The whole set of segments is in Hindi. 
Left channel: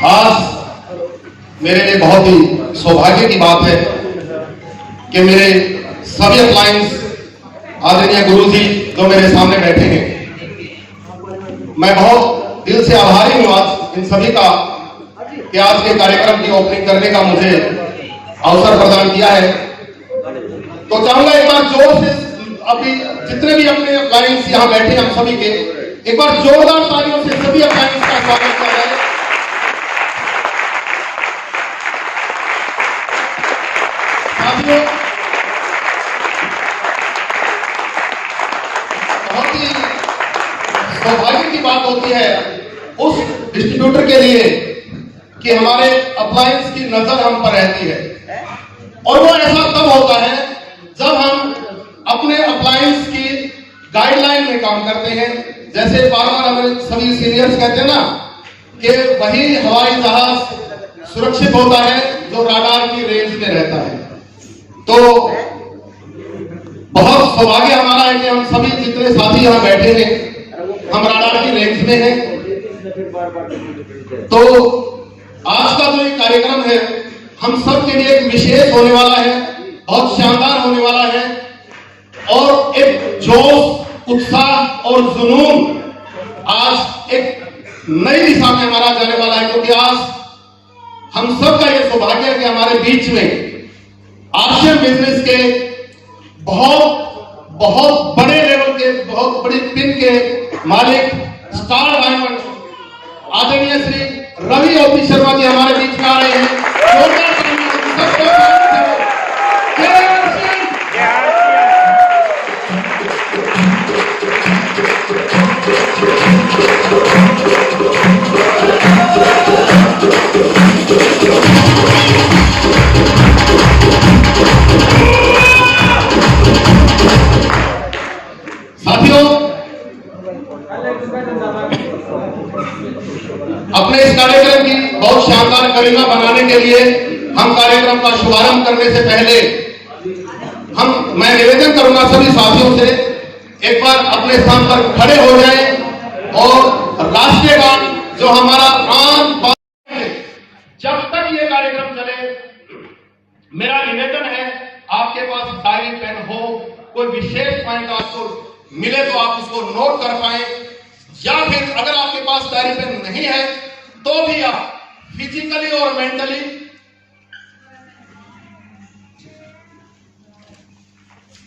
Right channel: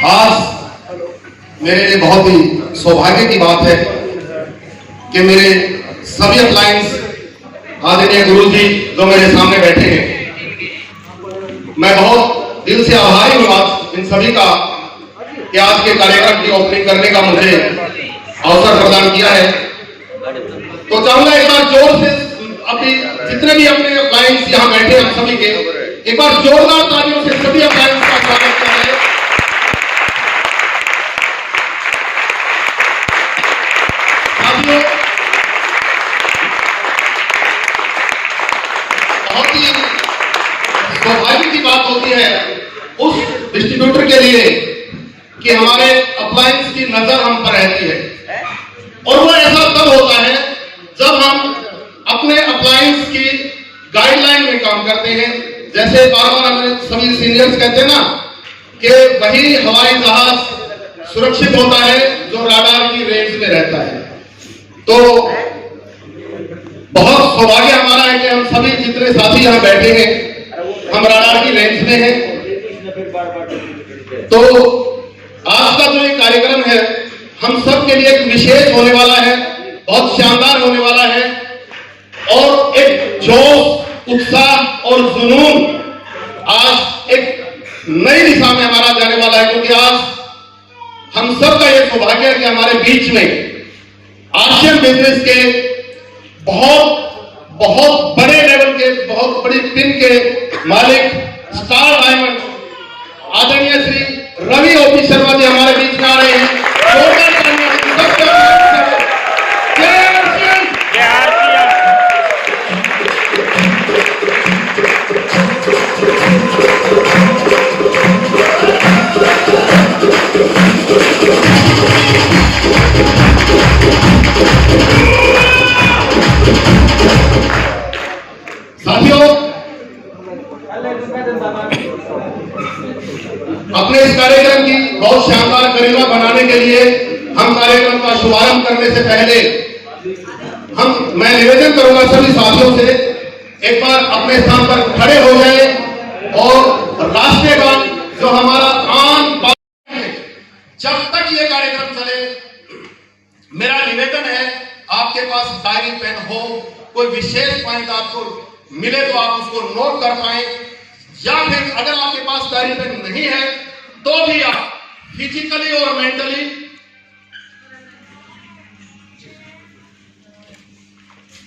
आज मेरे लिए बहुत ही सौभाग्य की बात है कि मेरे सभी अप्लायंस आदरणीय गुरु जी जो मेरे सामने बैठे हैं, मैं बहुत दिल से आभारी हूं आज इन सभी का कि आज के कार्यक्रम की ओपनिंग करने का मुझे अवसर प्रदान किया है। तो चाहूंगा एक बार जोर से अभी जितने भी अपने अप्लायंस यहाँ बैठे हैं हम सभी के एक बार जोरदार तालियों से सभी अप्लायंस का स्वागत किया जाए। बहुत ही सौभाग्य की बात होती है उस डिस्ट्रीब्यूटर के लिए कि हमारे अप्लायंस की नजर हम पर रहती है, और वो ऐसा तब होता है जब हम अपने अप्लायंस की गाइडलाइन में काम करते हैं। जैसे बार बार हमें सभी सीनियर्स कहते हैं ना कि वही हवाई जहाज सुरक्षित होता है जो राडार की रेंज में रहता है। तो बहुत सौभाग्य हमारा है कि हम सभी जितने साथी यहाँ बैठे हैं हम राडार की रेंज में हैं। तो आज का जो ये कार्यक्रम है हम सब के लिए एक विशेष होने वाला है, बहुत शानदार होने वाला है, और एक जोश, उत्साह और जुनून आज एक नई दिशा में हमारा जाने वाला है, क्योंकि आज हम सब का ये सौभाग्य है कि हमारे बीच में आशियन बिजनेस के बहुत बड़े लेवल के, बहुत बड़ी टीम के मालिक स्टार डायमंड आदरणीय श्री रवि ओपी शर्मा जी हमारे बीच में आ रहे हैं। साथियों, अपने इस कार्यक्रम की बहुत शानदार गरिमा बनाने के लिए हम कार्यक्रम का शुभारंभ करने से पहले मैं निवेदन करूंगा सभी साथियों से एक बार अपने स्थान पर खड़े हो जाएं और राष्ट्रीय गान जो हमारा आम बात है जब तक ये कार्यक्रम चले, मेरा निवेदन है आपके पास डायरी पेन हो, कोई विशेष पॉइंट आपको मिले तो आप उसको नोट कर पाए, या फिर अगर आपके पास डायरी पेन नहीं है तो भी आप फिजिकली और मेंटली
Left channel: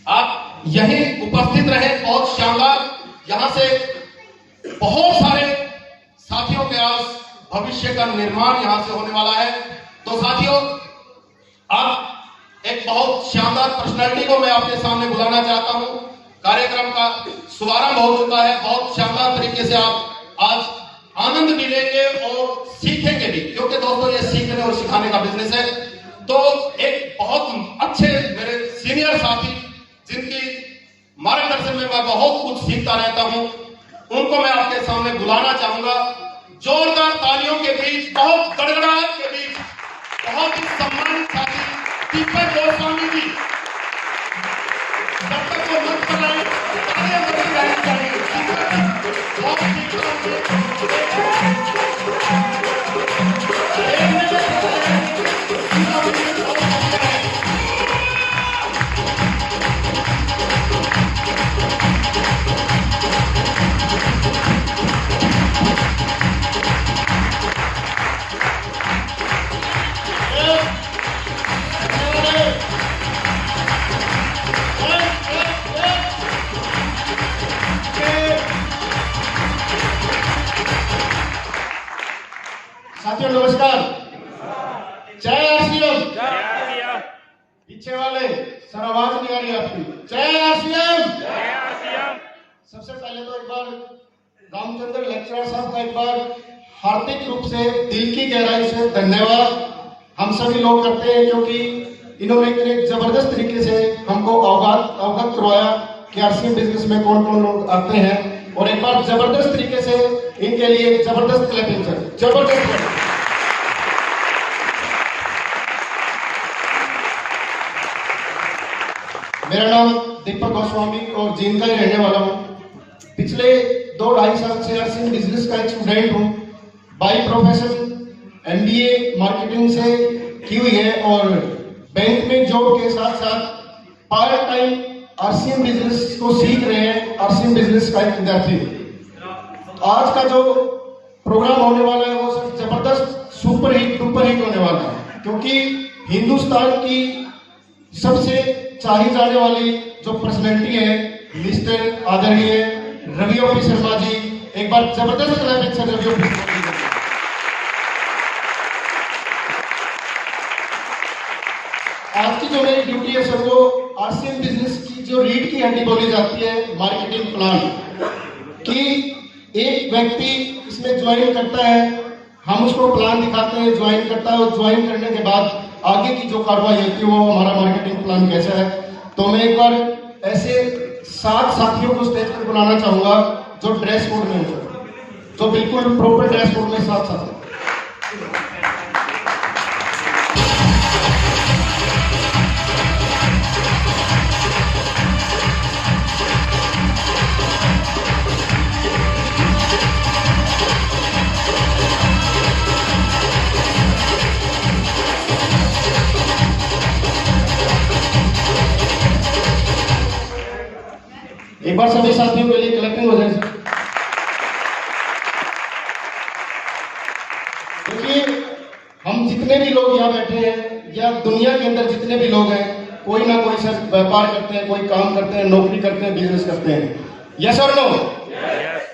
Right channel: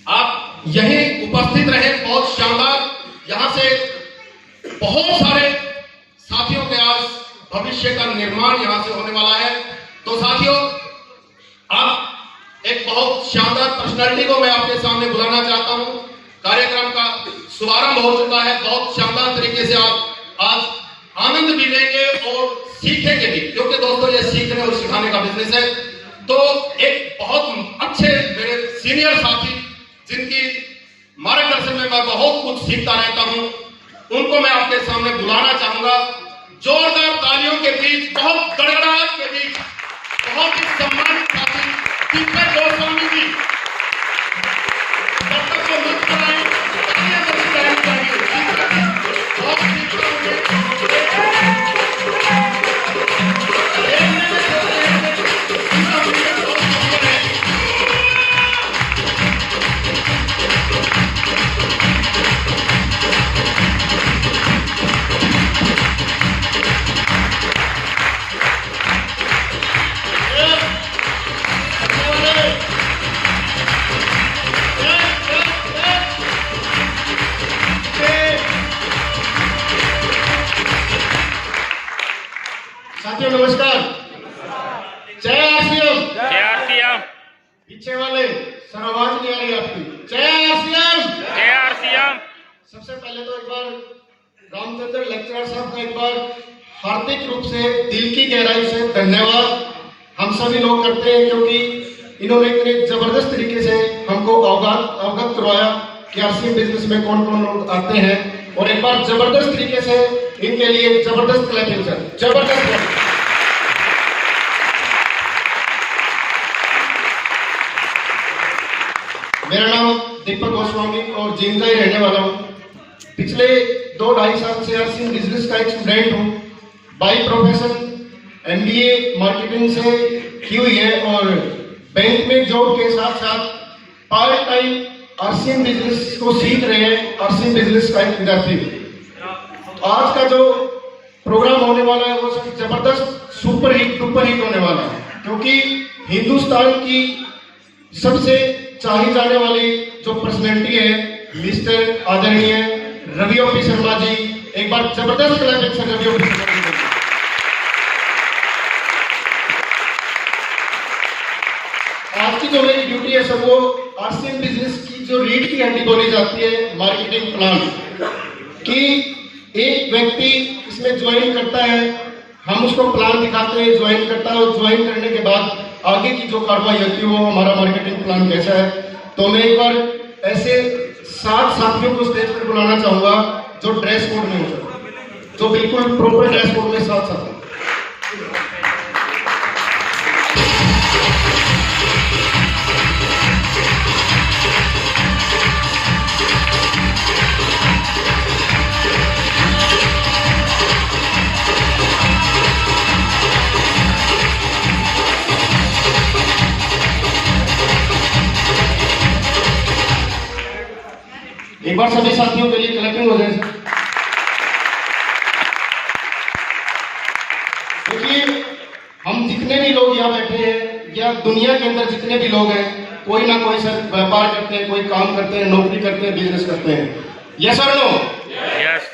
आप यही उपस्थित रहे। बहुत शानदार यहां से बहुत सारे साथियों के आज भविष्य का निर्माण यहां से होने वाला है। तो साथियों, अब एक बहुत शानदार पर्सनालिटी को मैं आपके सामने बुलाना चाहता हूं। कार्यक्रम का शुभारंभ हो चुका है, बहुत शानदार तरीके से आप आज आनंद भी लेंगे और सीखेंगे भी, क्योंकि दोस्तों ये सीखने और सिखाने का बिजनेस है। तो एक बहुत अच्छे मेरे सीनियर साथी जिनकी मार्गदर्शन में मैं बहुत कुछ सीखता रहता हूं, उनको मैं आपके सामने बुलाना चाहूंगा। जोरदार तालियों के बीच, बहुत गड़गड़ाहट के बीच, बहुत ही सम्मानित साथी दीपक गोस्वामी जी को मुक्त कराएं। साथियों नमस्कार, जय आरसीएम। जय आरसीएम। पीछे वाले सर आवाज नहीं आ रही आपकी। जय आरसीएम। जय आरसीएम। सबसे पहले तो एक बार रामचंद्र लेक्चरर साहब का एक बार हार्दिक रूप से दिल की गहराई से धन्यवाद हम सभी लोग करते हैं, क्योंकि इन्होंने एक जबरदस्त तरीके से हमको अवगत करवाया कि आरसीएम बिजनेस में कौन कौन लोग आते हैं, और एक बार जबरदस्त तरीके से इनके लिए जबरदस्त क्लैपिंग सर, जबरदस्त। मेरा नाम दीपक गोस्वामी और जींद का ही रहने वाला हूँ। पिछले 2-2.5 साल से आरसीएम बिजनेस का एक स्टूडेंट हूँ। बाई प्रोफेशन MBA मार्केटिंग से की हुई है और बैंक में जॉब के साथ साथ पार्ट टाइम आरसीएम बिजनेस को सीख रहे हैं। आरसीएम बिजनेस का एक विद्यार्थी। आज का जो प्रोग्राम होने वाला है वो सब जबरदस्त सुपर हिट होने वाला है, क्योंकि हिंदुस्तान की सबसे चाही जाने वाली जो पर्सनैलिटी है मिस्टर आदरणीय रवि ओपी शर्मा जी। एक बार जबरदस्त क्लैपिंग रवि ओपी शर्मा जी। आज की जो मेरी ड्यूटी है सर वो आरसीएम बिजनेस की जो रीढ़ की हड्डी बोली जाती है मार्केटिंग प्लान कि एक व्यक्ति इसमें ज्वाइन करता है, हम उसको प्लान दिखाते हैं, ज्वाइन करता है और ज्वाइन करने के बाद आगे की जो कार्रवाई होती है वो हमारा मार्केटिंग प्लान कैसा है। तो मैं एक बार ऐसे 7 साथियों को स्टेज पर बुलाना चाहूंगा जो ड्रेस कोड में हो, जो बिल्कुल प्रॉपर ड्रेस कोड में 7 साथी। एक बार सभी साथियों के लिए क्लैपिंग हो जाए। देखिए हम जितने भी लोग यहाँ बैठे हैं या दुनिया के अंदर जितने भी लोग हैं, कोई ना कोई सर व्यापार करते हैं, कोई काम करते हैं, नौकरी करते हैं, बिजनेस करते हैं। यस और नो? यस।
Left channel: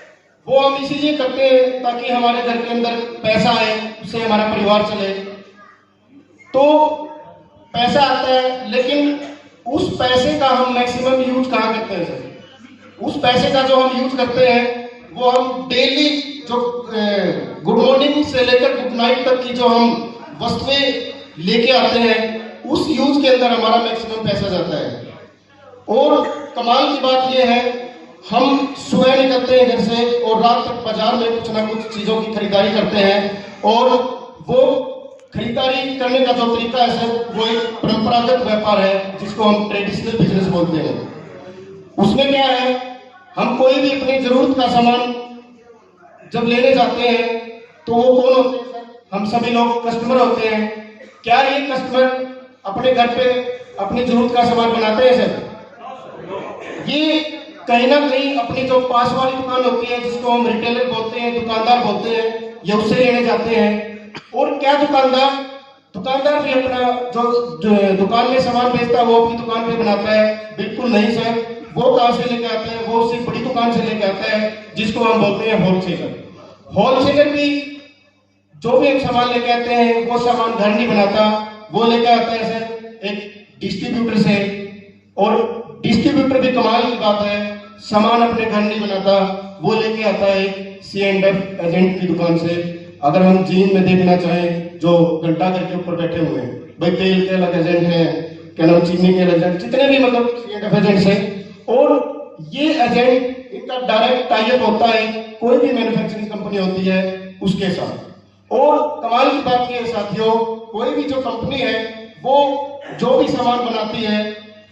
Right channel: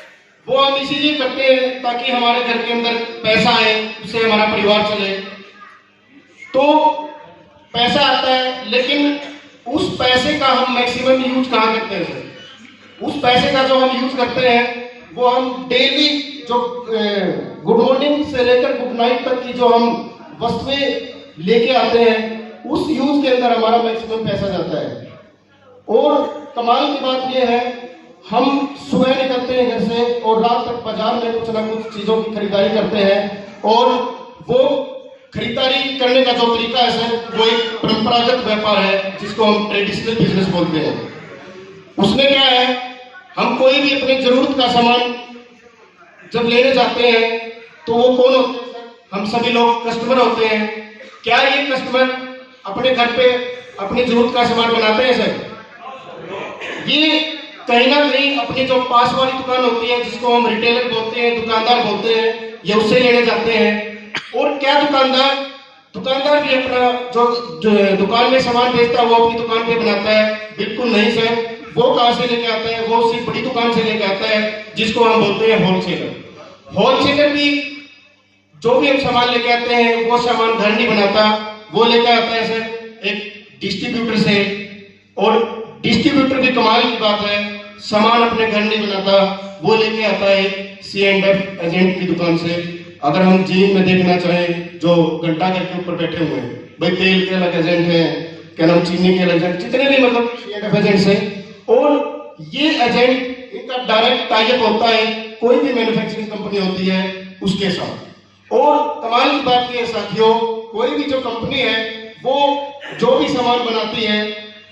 वो हम इसीलिए करते हैं ताकि हमारे घर के अंदर पैसा आए, उससे हमारा परिवार चले। तो पैसा आता है, लेकिन उस पैसे का हम मैक्सिमम यूज कहाँ करते हैं सर? उस पैसे का जो हम यूज करते हैं वो हम डेली जो गुड मॉर्निंग से लेकर गुड नाइट तक की जो हम वस्तुएं लेके आते हैं उस यूज के अंदर हमारा मैक्सिमम पैसा जाता है। और कमाल की बात यह है, हम सुबह निकलते हैं घर से और रात तक बाजार में कुछ ना कुछ चीजों की खरीदारी करते हैं, और वो खरीदारी करने का जो तरीका है सर वो एक परंपरागत व्यापार है जिसको हम ट्रेडिशनल बिजनेस बोलते हैं। उसमें क्या है, हम कोई भी अपनी जरूरत का सामान जब लेने जाते हैं तो वो कौन होते हैं? हम सभी लोग कस्टमर होते हैं। क्या ये कस्टमर अपने घर पे अपनी जरूरत का सामान बनाते हैं सर? ये कहीं ना कहीं अपनी जो पास वाली दुकान होती है जिसको हम रिटेलर बोलते हैं, दुकानदार बोलते हैं, या उससे लेने जाते हैं। और क्या दुकानदार भी अपना जो दुकान में सामान बेचता है वो अपनी दुकान पे बनाता है? बिल्कुल नहीं सर। वो कहां से लेके आता है? वो सिर्फ बड़ी दुकान से लेके आता है जिसको हम बोलते हैं होलसेलर। होलसेलर भी जो भी हम सामान लेके आते हैं वो सामान घर नहीं बनाता, वो लेके आता है सर एक डिस्ट्रीब्यूटर से। और डिस्ट्रीब्यूटर भी कमाल की बात है, सामान अपने घर नहीं बनाता, वो लेके आता है C&F एजेंट की दुकान से। अगर हम जीन में देखना चाहें जो घंटा घर के ऊपर बैठे हुए हैं, भाई तेल के अलग एजेंट है, क्या नाम चीनी के एजेंट, जितने भी मतलब C&F एजेंट है। और ये एजेंट इनका डायरेक्ट टाइप होता है कोई भी मैन्युफैक्चरिंग कंपनी होती है उसके साथ। और कमाल की बात यह है साथियों, कोई भी जो कंपनी है वो जो भी सामान बनाती है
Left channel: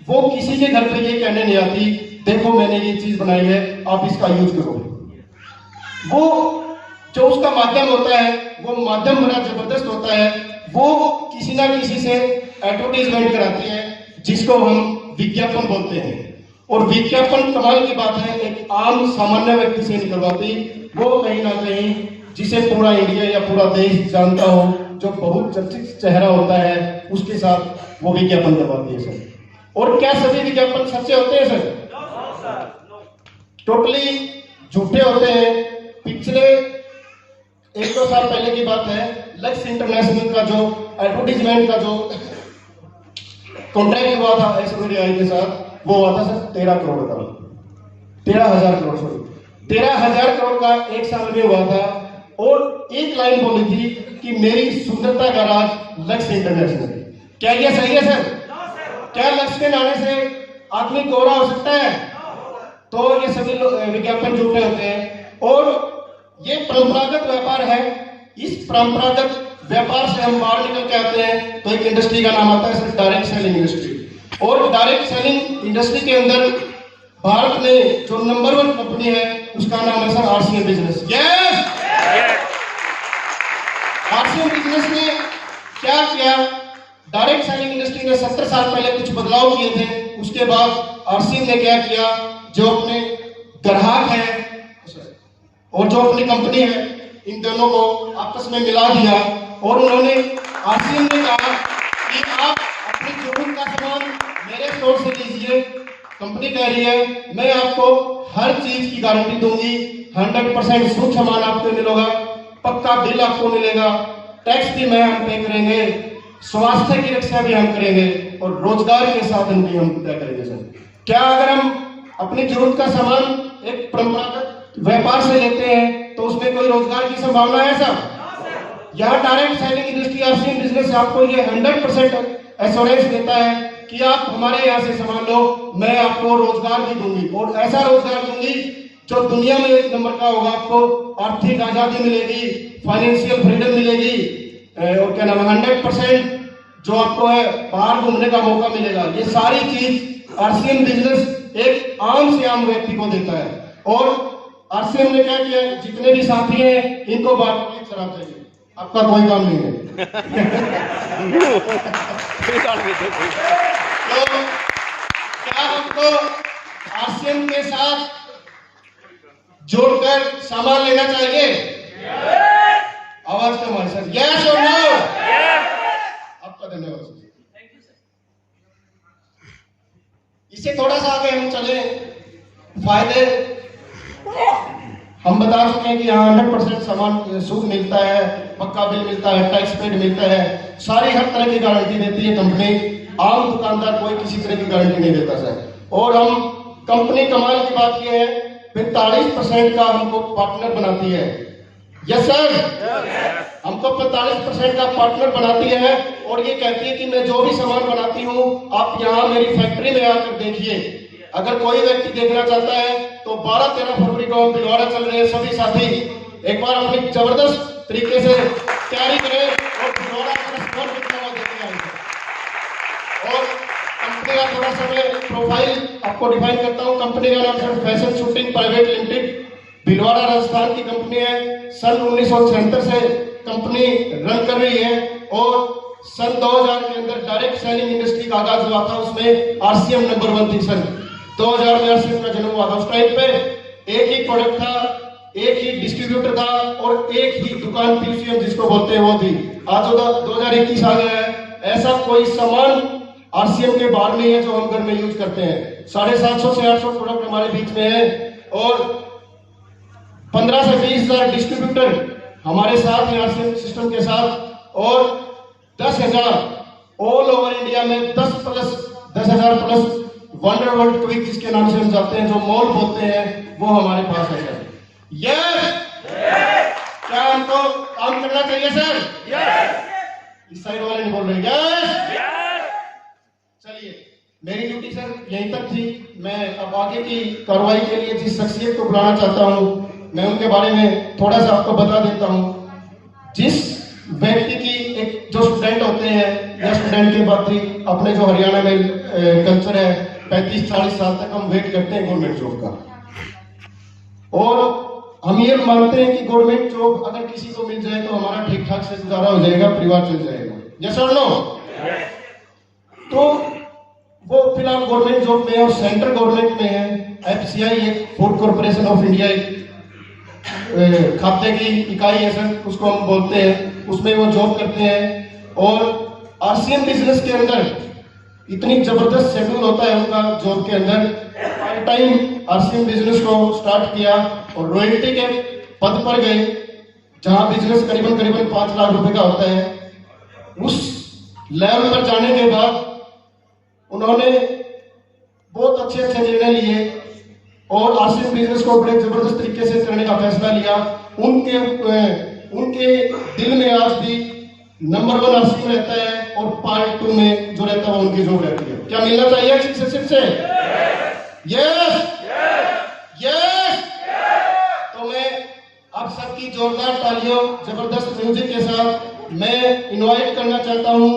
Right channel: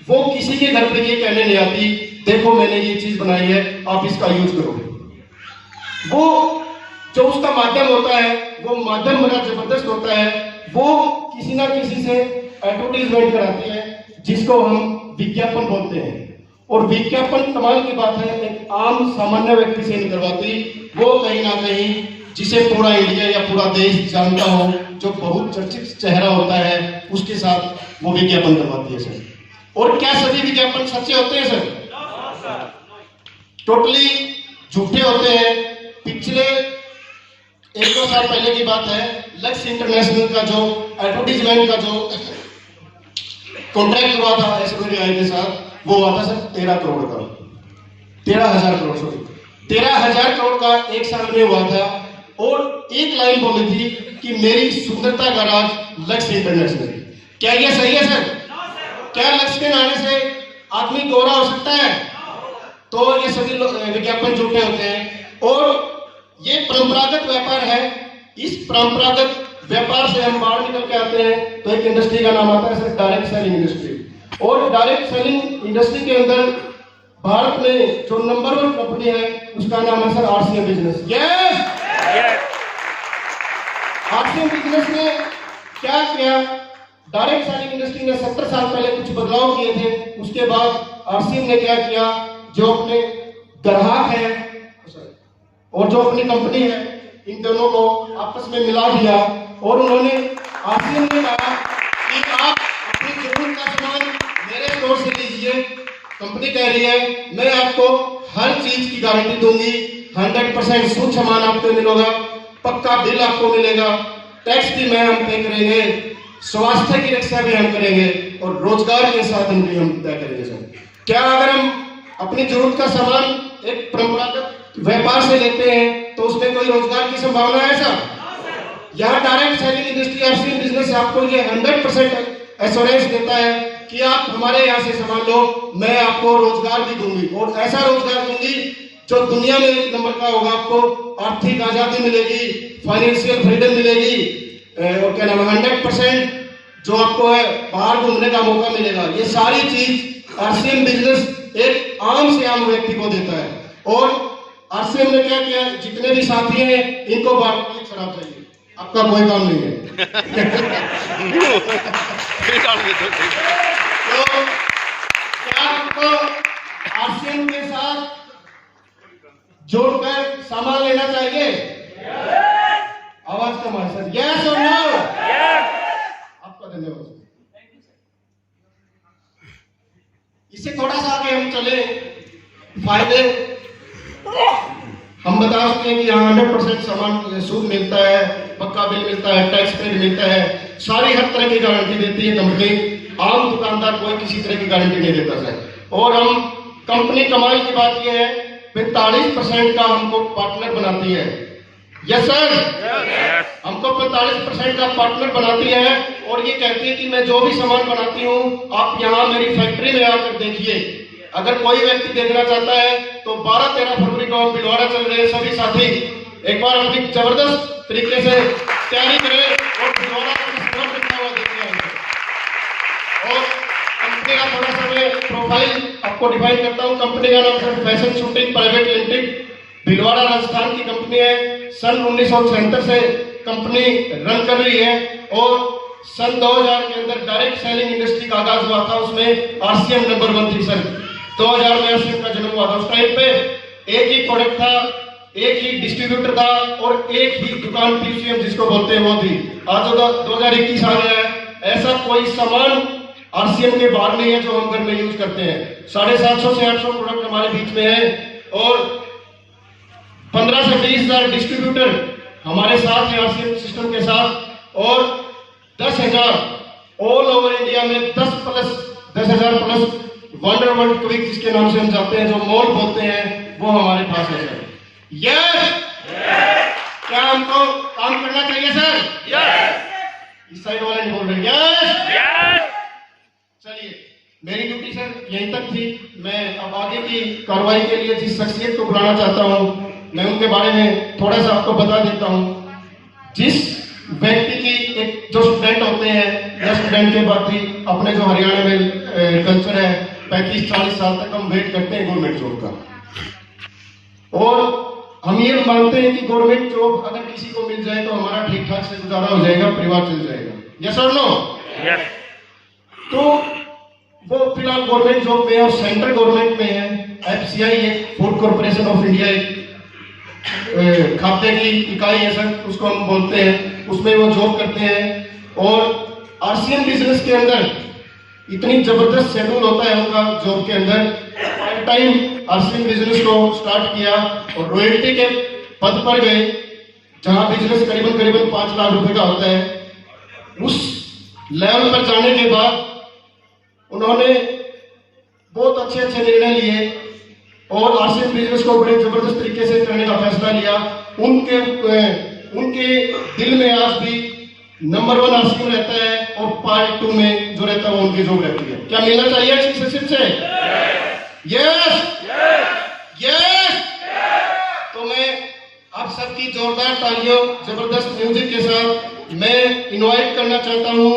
वो किसी के घर पे ये कहने नहीं आती देखो मैंने ये चीज बनाई है आप इसका यूज करो। वो जो उसका माध्यम होता है वो माध्यम बड़ा जबरदस्त होता है। वो किसी ना किसी से एडवर्टाइजमेंट कराती है जिसको हम विज्ञापन बोलते हैं। और विज्ञापन कमाल की बात है एक आम सामान्य व्यक्ति से निकलवाती, वो कहीं ना कहीं जिसे पूरा इंडिया या पूरा देश जानता हो, जो बहुत चर्चित चेहरा होता है, उसके साथ वो विज्ञापन करवाती है सर। और क्या सभी विज्ञापन सच्चे होते हैं सर? टोटली झूठे होते हैं। पिछले 1-2 साल पहले की बात है, लक्स इंटरनेशनल का जो एडवर्टीजमेंट का जो कॉन्ट्रैक्ट हुआ था SBI के साथ, वो हुआ था सर 13 करोड़ का, 13,000 करोड़, सॉरी 13,000 करोड़ का एक साल में हुआ था। और एक लाइन बोली थी कि मेरी सुंदरता का राज लक्स इंटरनेशनल। क्या यह सही है सर? क्या लक्स के नाम से आदमी गोरा हो सकता है? तो ये सभी विज्ञापन झूठे होते हैं। और ये परंपरागत व्यापार है। इस परंपरागत व्यापार से हम बाहर निकल के आते हैं तो एक इंडस्ट्री का नाम आता है सर डायरेक्ट सेलिंग इंडस्ट्री। और डायरेक्ट सेलिंग इंडस्ट्री के अंदर भारत में जो नंबर 1 कंपनी है उसका नाम है sir RCM business. Yes, RCM business ने क्या किया, डायरेक्ट सेलिंग इंडस्ट्री ने 70 साल पहले कुछ बदलाव किए थे, उसके बाद आरसीएम ने क्या किया, जो अपने ग्राहक है और जो अपनी कंपनी है इन दोनों को आपस में मिला दिया और उन्होंने आरसीएम ने कहा कि आप अपनी जरूरत का सामान मेरे स्टोर से लीजिए। कंपनी कह रही है मैं आपको हर चीज की गारंटी दूंगी, 100% शुद्ध सामान आपको मिलेगा, पक्का बिल आपको मिलेगा, टैक्स भी मैं हम पे करेंगे, स्वास्थ्य की रक्षा भी हम करेंगे और रोजगार के साधन भी हम तय करेंगे। सर क्या अगर हम अपनी जरूरत का सामान एक परंपरागत व्यापार से लेते हैं तो उसमें कोई रोजगार की संभावना है सर? यहाँ direct selling industry RCM business आपको ये 100% एश्योरेंस देता है कि आप हमारे यहाँ से सामान लो, मैं आपको रोजगार भी दूंगी और ऐसा रोजगार दूंगी जो दुनिया में एक नंबर का होगा। आपको आर्थिक आजादी मिलेगी, फाइनेंशियल फ्रीडम मिलेगी, और क्या नाम है 100% जो आपको है बाहर घूमने का मौका मिलेगा। ये सारी चीज आरसीएम बिजनेस एक आम से आम व्यक्ति को देता है। और आरसीएम ने क्या किया, जितने भी साथी हैं इनको बार शराब चाहिए, आपका कोई काम नहीं है। तो क्या आपको आरसीएम के साथ जोड़कर सामान लेना चाहिए? आवाज कम है सर, यस और नो? आपका धन्यवाद। इससे थोड़ा सा आगे हम चले, फायदे हम बता सकते हैं कि यहाँ 100% सामान शुद्ध मिलता है, पक्का बिल मिलता है, टैक्स पेड मिलता है, सारी हर तरह की गारंटी देती है कंपनी। आम दुकानदार कोई किसी तरह की गारंटी नहीं देता सर। और हम कंपनी कमाल की बात यह है 45% का हमको पार्टनर बनाती है। यस सर, हमको 45% का पार्टनर बनाती है और ये कहती है कि मैं जो भी सामान बनाती हूँ आप यहाँ मेरी फैक्ट्री में आकर देखिए। अगर कोई व्यक्ति देखना चाहता है तो 12-13 फरवरी को हम भिलवाड़ा चल रहे हैं, सभी साथी एक बार अपनी जबरदस्त तरीके से तैयारी करें और भिलवाड़ा का स्कोर कितना हुआ देखिए। और कंपनी का थोड़ा सा मैं प्रोफाइल आपको डिफाइन करता हूँ। कंपनी का नाम है fashion shooting private limited, Bhilwara Rajasthan की कंपनी है। सन 1976 से कंपनी रन कर रही है और सन 2000 के अंदर डायरेक्ट सेलिंग इंडस्ट्री का आगाज हुआ था, उसमें आरसीएम नंबर 1 थी। सन 2000 में आरसीएम का जन्म हुआ था। उस टाइम पे एक ही प्रोडक्ट था, एक ही डिस्ट्रीब्यूटर था और एक ही दुकान पीसीएम जिसको बोलते हैं वो थी। आज 2021 आ गया है, ऐसा कोई सामान आरसीएम के बाहर नहीं है जो हम घर में यूज करते हैं। 750 से 800 प्रोडक्ट हमारे बीच में है और 15 से 20 हजार डिस्ट्रीब्यूटर हमारे साथ है आरसीएम सिस्टम के साथ और 10,000 ऑल ओवर इंडिया में 10,000 प्लस वंडर वर्ल्ड क्विक जिसके नाम से हम जाते हैं, जो मॉल बोलते हैं, वो हमारे पास है सर। यस, क्या हमको काम करना चाहिए सर? यस। इस साइड वाले नहीं बोल रहे यस। चलिए, मेरी ड्यूटी सर यहीं तक थी। मैं अब आगे की कार्रवाई के लिए जिस शख्सियत को बुलाना चाहता हूँ मैं उनके बारे में थोड़ा सा आपको बता देता हूँ। जिस व्यक्ति की एक जो स्टूडेंट होते हैं या स्टूडेंट के बाद ही अपने जो हरियाणा में कल्चर है 35-40 साल तक हम वेट करते हैं गवर्नमेंट जॉब का और हम ये मानते हैं कि गवर्नमेंट जॉब अगर किसी को मिल जाए तो हमारा ठीक ठाक से गुजारा हो जाएगा, परिवार चल जाएगा। यस और नो? यस। तो वो फिलहाल गवर्नमेंट जॉब में और सेंट्रल गवर्नमेंट में है। एफसीआई एक फूड कॉर्पोरेशन ऑफ इंडिया एक खाते की इकाई है सर, उसको हम बोलते हैं, उसमें वो जॉब करते हैं। और आरसीएम बिजनेस के अंदर इतनी जबरदस्त शेड्यूल होता है उनका जॉब के अंदर। पार्ट टाइम आरसीएम बिजनेस को स्टार्ट किया और रॉयल्टी के पद पर गए जहां बिजनेस करीबन 5 लाख रुपए का होता है। उस लेवल पर जाने के बाद उन्होंने बहुत अच्छे निर्णय लिए और आरसीएम बिजनेस को बड़े जबरदस्त तरीके से करने का फैसला लिया। उनके दिल में आज भी नंबर 1 आरसीएम रहता है और पार्ट 2 में जो रहता है वो उनकी जॉब रहती है। क्या मिलना चाहिए सिर्फ से? Yes, yes. तो मैं आप सबकी जोरदार तालियों जबरदस्त म्यूजिक के साथ मैं इनवाइट करना चाहता हूं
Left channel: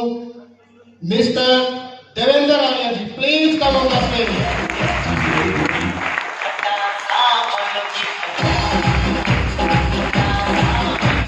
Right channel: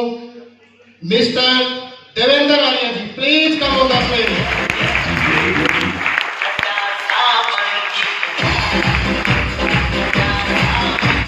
mister Devendra Arya ji, please come on the stage.